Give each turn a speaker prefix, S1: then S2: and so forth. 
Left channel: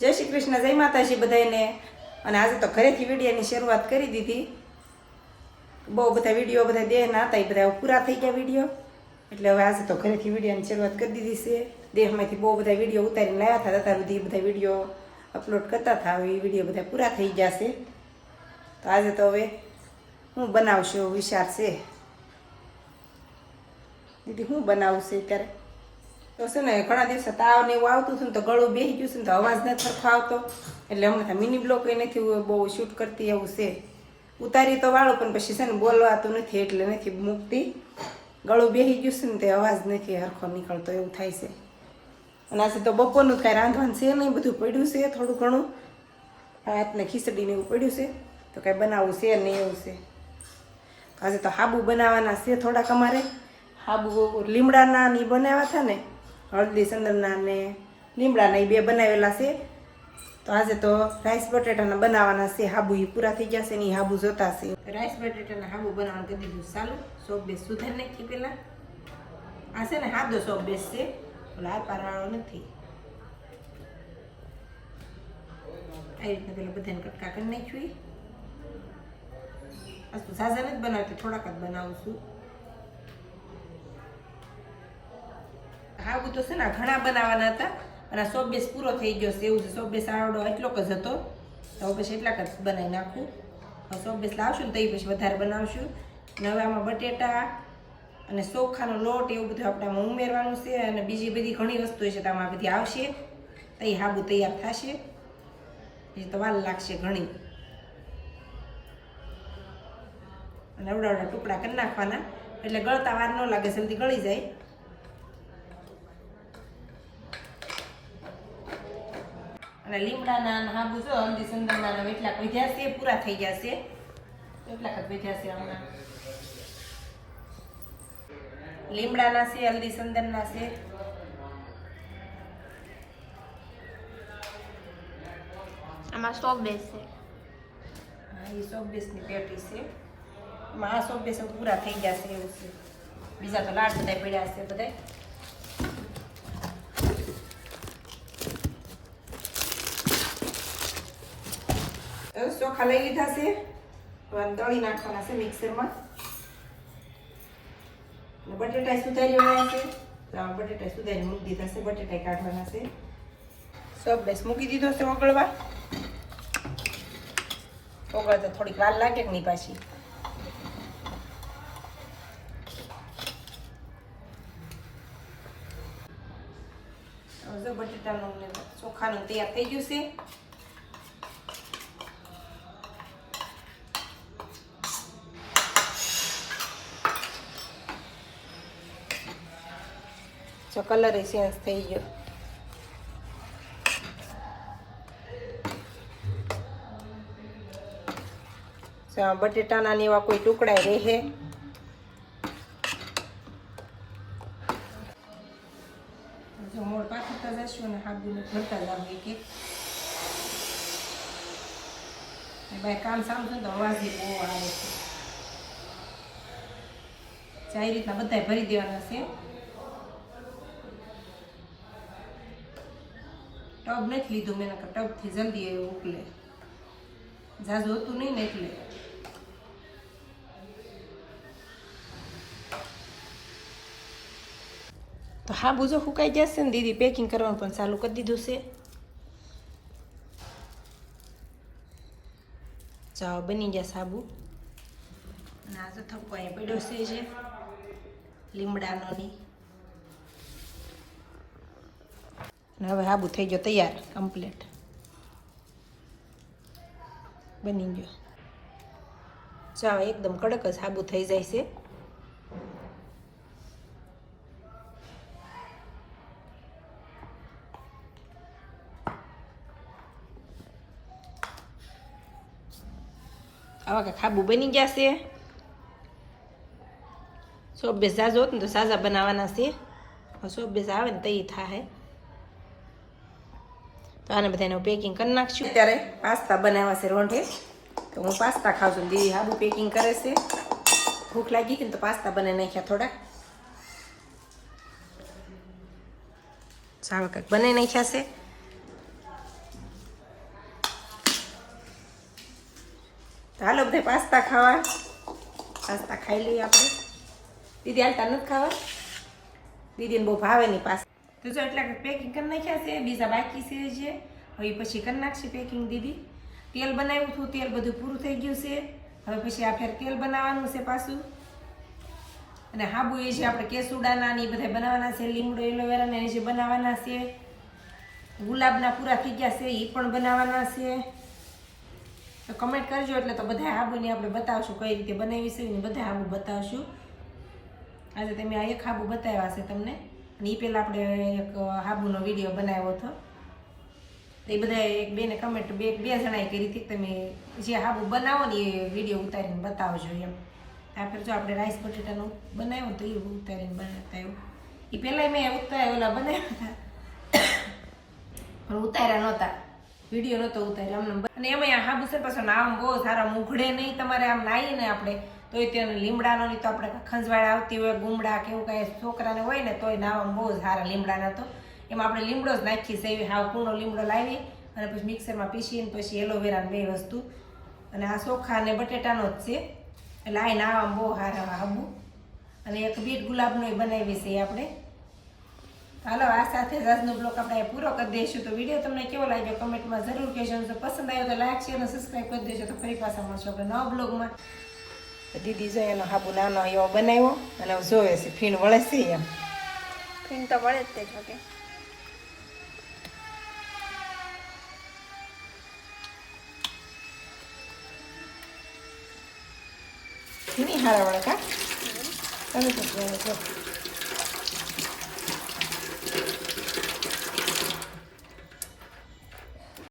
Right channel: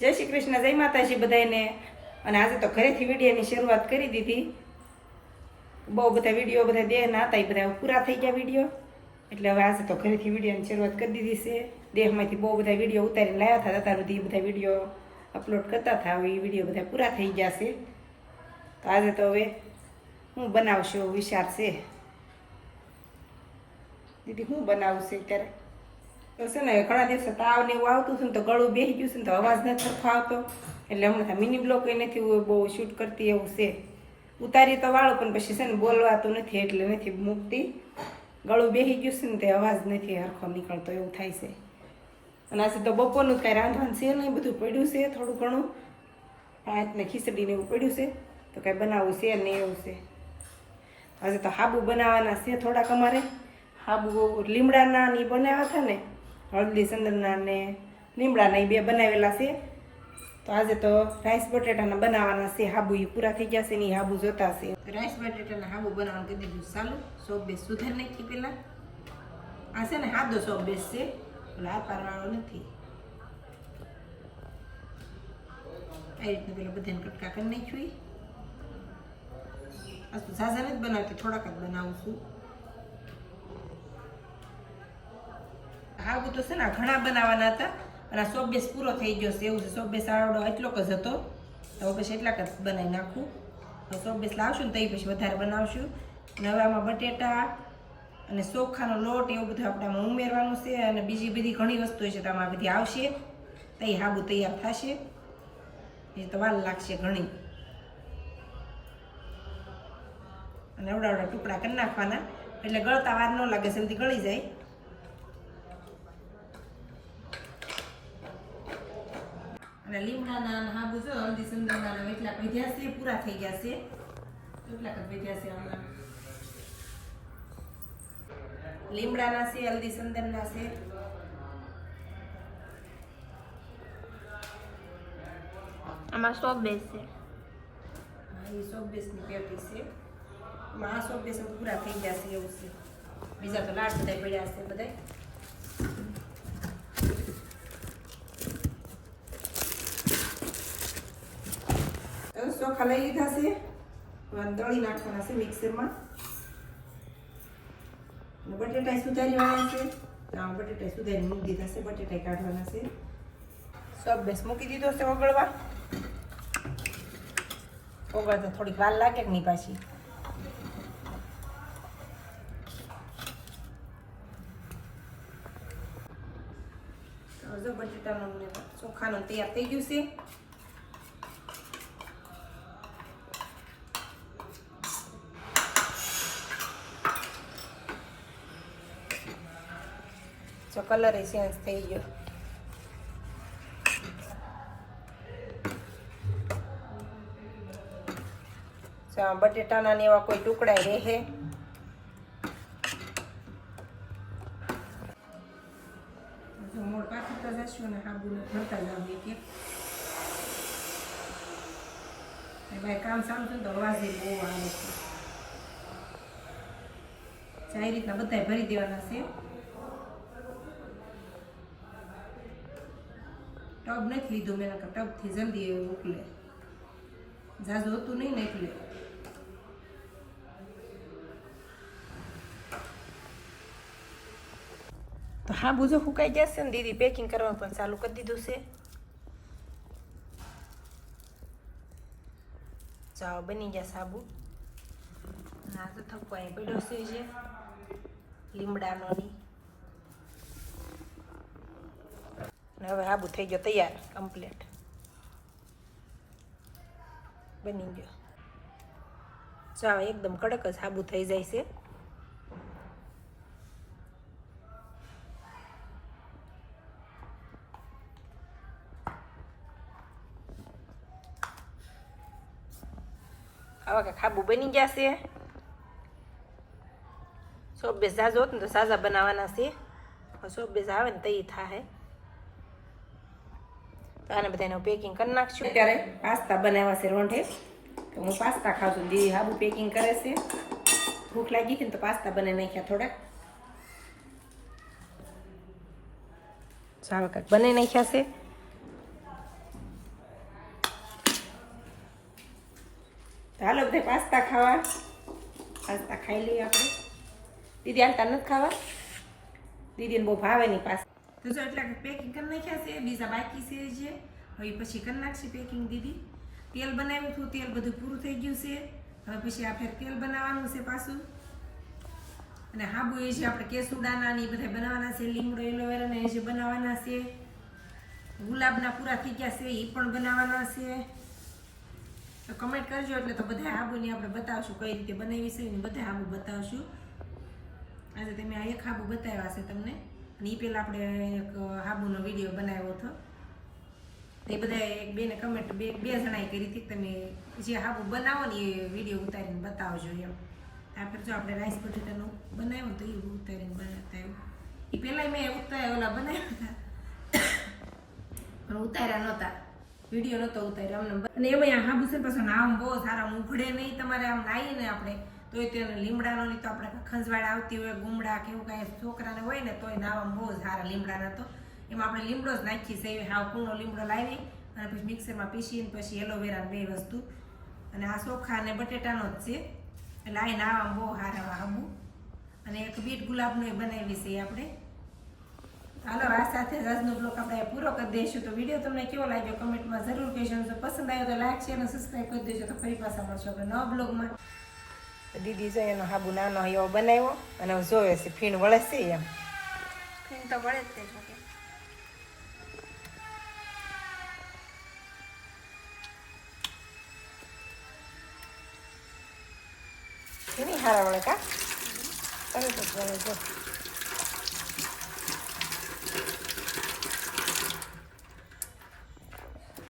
S1: જય શ્રી કૃષ્ણ, જય માતાજી બધાને અને આજે તો ઘરેથી વિડીયોની શરૂઆત કરી દીધી. બહુ બધા વીડિયો, બધા દેહના હતા, એ બધા પૂરા થઈ ગયા વીડિયો. એટલે હવે આજે તો ઘરેથી વિડીયોની શરૂઆત કરી દીધી છે. દેહમાંથી બહુ બધા વીડિયો ઉતારીને લાવ્યા હતા અત્યાર સુધી બધા વીડિયો અપલોડ કરતા હતા. હવે એ વીડિયો બધા પૂરા થઈ ગયા છે. તો આજે તો હવે હું બનાવશું વિચાર છે. દીદી, હું બનાવશે ત્યારે તો છે ને ઘણા દિવસે તાવ ને એવું આવતું હતું ને તો ગળું બેસી ગયું છે ને તો અવાજ નથી સરખો આવતો. એટલે હમણાં મિની બ્લોક એ નથી બહુ શૂટ કરતી એવું છે. ઉતારી તો વાળું, પણ પછી છે ને બોલવાતું નથી, એટલે નથી મૂકતી. ગળું બેસી ગયું છે ને તે અવાજ નથી સરખો નીકળતો એવું થાય છે. અને આજે તો બપોરનું કાંઈ રાંધવાનું છે નહીં, બધું પડ્યું છે થોડું ઘણું. ભાત ને ખીચડીને એવું પડ્યું છે, તો કાંઈ બનાવવું છે નહીં એવું છે. આજે તો હાબુ બનાવવાના છે થોડાક અમારે. હાબુ લીમડાના ને ઈ બનાવ્યા હતા ને હળદી ચંદનના ને લીમડાના એ બે બનાવેલા છે. તો આજે તો રાઈસ બટેટાના બનાવવાના છે. હાબુ એ પૂરા થઈ જશે ને એ હાબુ જોતા છે. રાઈસ બટેટાના હાબુ બનાવવાનું કરી દીધું. સારું સોપ બેસ સુધાર નાખી પહેલાં. આ છે ને હાદો સોપ બેસ છે. લાલ પારવાળો નથી. આ રીતના પેલા બધાને કટકા કરી નાખ્યું આ ઝાઝા નથી બનાવતી, થોડાક જ બનાવું છું. હાબુ તો છે ને ઘણા બનાવવાના હતા. અને આ સોબેસ પૂરો થઈ ગયો છે. એવું છે. સોબેસ આવડો એટલો જ હતો. તો હવે પછી એટલાક જ બનાવી નાખું. હવે સોબેસ લાવશું ને તો પછી વધારે બનાવશું. અને હવે આમાં બટેટા અને ચોખાનો લોટ એવું બધું આપણે આમાં ઉમેરવાનું છે અને બીજી બધી ઘણી વસ્તુ છે તો આમાં બધી આવશે. તો એ હાબુ તૈયાર થશે. એ તો વાર લાગશે ઘણી. અને અવડા અવડા ટુકડા કરી નાખવાના. એટલે ગળતા વાર ન લાગે, જલ્દી ગળી જાય. અને લીમડાના હાબુ જો હલ્દી સંદનના એટલા ભેજ્યા છે પૂરા થઈ ગયા છે. એટલાક જ વધ્યા છે હમણાં? લીમડાના છે હલ્દી સંદનના છે.
S2: આમાં સો બેસ છે.
S1: હા એ સો બેસની પેટી છે. એમાં આ સો બેસ પૂરા થઈ ગયા છે એવું છે. બીજા તો લાડ બધા પડ્યા છે બધા ચોખા લીધા છે દળી નાખવાના છે મિક્સરમાં. અને બટેટા સુધારી વાળા છે. તો આ બટેટા સુધારી મૂકી દીધા છે, બટેટા કાઢવાના છે. સબ બેસ મૂકી દીધો છે ઓગળવા. ઓગળતા થોડીક વાર લાગે કે નહીં પાછી બટેટા બટેટાનું ચોખાનું તૈયાર થઈ ગયું છે. જો કલર ચેન્જ થઈ ગયો આ બટેટાના ને એવા કોઈ ટુકડા રહે મોડ પાથરતા જશું અને હાબુને ભરતા જાવ એક એક ભાઈ કામ સામતું તો અવાજ બહુ આવે છે સારી રીતના બધા ભરી દેવાના છે ટબ નથી લીધું, મેં નકર ટબથી જલ્દી એવું ઉકલે ઝાઝું હતું નહીં ને એટલે. તો હા, બુજો સુકાઈ જશે ને દીદી? પેકિંગ કરવાનું પણ ચાલુ કરી દીધું છે. ચાવ બની ગયા સાબુ. ના તો થપ્પો અહીંયા પડ્યો છે લીમડાનો ની અને હવે આબુ થઈ ગયો તૈયાર કમ્પ્લીટ બની ગયો. ચા એકદમ કડક જ સાબુ થઈ જાય છે. આવા કે ખાબુ બની ગયા છે. સોપ બેસ હોત ને તો સાજા બનાવવાના છે. સોપ આવે ને તૈયાર થાય. આને આને બધાનું પેકિંગ કરી નાખશું. અત્યારે પાસ્તા બનાવ્યા છે રોંઢે. તો હું પાસ્તા ખાઉં છું દીદી હાબુ પેકિંગ કરે છે. ભૂખ લાગી ગઈ ને તો પાસ્તા બનાવી નાખ્યા થોડા સારું કાંક બને નાખ્યા છે. હાલો બધા પાસ્તા ખાવા. પાસ્તા ખાઈ લઈએ આપણે. દીદી હાલતા નથી ખાવા. દીદીને બહુ ભાવે નહીં પાસ્તા. તો જો એટલે પેકિંગ કરી નાખ્યા છે બીજા બાકી છે જે. હવે પછી કરી નાખશે પેકિંગ દીદી. તેલ બનાવ્યું હતું, તેલ બધું પૂરું થઈ ગયું છે. હવે પછી આ ફેર તેલ બનાવવાનું છે પાછું. અને હાબુ એ છે આપણે કેસુડાના ને એ બધા બનાવવાના છે, લીમડો, એલોવેરાના એ જે બનાવવાના છે. ગુલાબના પૂરા થઈ ગયા છે એ પણ બનાવવાના છે. તો કમેન્ટ કરજો એટલે તો બધા આબુની આપણે બતાવશું કઈ રીતે બનાવીશું ને બધા હાબુ બતાવશું. આજે તમે આ એક હાબુ બતાવ્યા છે તમને. અને એ પહેલાં આપણે એક હાબુનો વીડિયો બનાવ્યો હતો. તો એ બધા એક બેને કમેન્ટ બે બે જણાએ કરી હતી તમે જે હાબુ બનાવો ને એ વીડિયો ઉતારીને બતાવજો એમ. આપણે જો આપણે રાઈસ બટેટાનું બનાવ્યું તો એ ઉતારીને બતાવ્યું. એ પહેલાં મેં ઉતાર્યા ઓલા બનાવ્યા. હતા પણ ઉતાર્યા નહોતા. વીડિયો નહોતો ઉતાર્યો. અમને અને એમાં હાબુ છે પાછો નામ બહુ સારા ઉઘડે નહીં તમારે આમ નાહીએ ને આપણે તોય તેને લીમડાનો નહીં તો આપણે ખંજવાળ આવતી હોય, ગુમડા કે એવું કાંઈ છોકરાને હોય ને તોય નાવામાં બહુ સારા લીમડાના તો એમાં આપણે લીમડો જ નાખીએ સેવી હાવ કૂણો લીમડો લાવી અને પછી મિક્સરમાં પીસીને પછી એલોવેરા બે વસ્તુ. અને આ ચોખા અને બટેટાનો જ છે. એટલે આ નાવામાં બહુ સારા હાબુ. અને એક બીટ ગુલાબનો બનાવી છે આપણે. હાલો, આ સાથે જ આજનો બ્લોગ આપણે પૂરો કરી દઈશું. તો વીડિયો તમને કેવો લાગ્યો કમેન્ટમાં જરૂર કહેજો. પસંદ આવ્યો તો લાઈક, શેર અને સબસ્ક્રાઈબ કરી દેજો. તો ફરી પાછા મળશો આપણે નવા બ્લોગમાં. દીદી જો એનો હાબુ નાનો એવો બનાવ્યો અને જોવે છે ફીણ વળે છે એમ.
S2: ફીણ તો વળે જ તે જોકે
S1: નહીં હારા વળે કા? તમે તો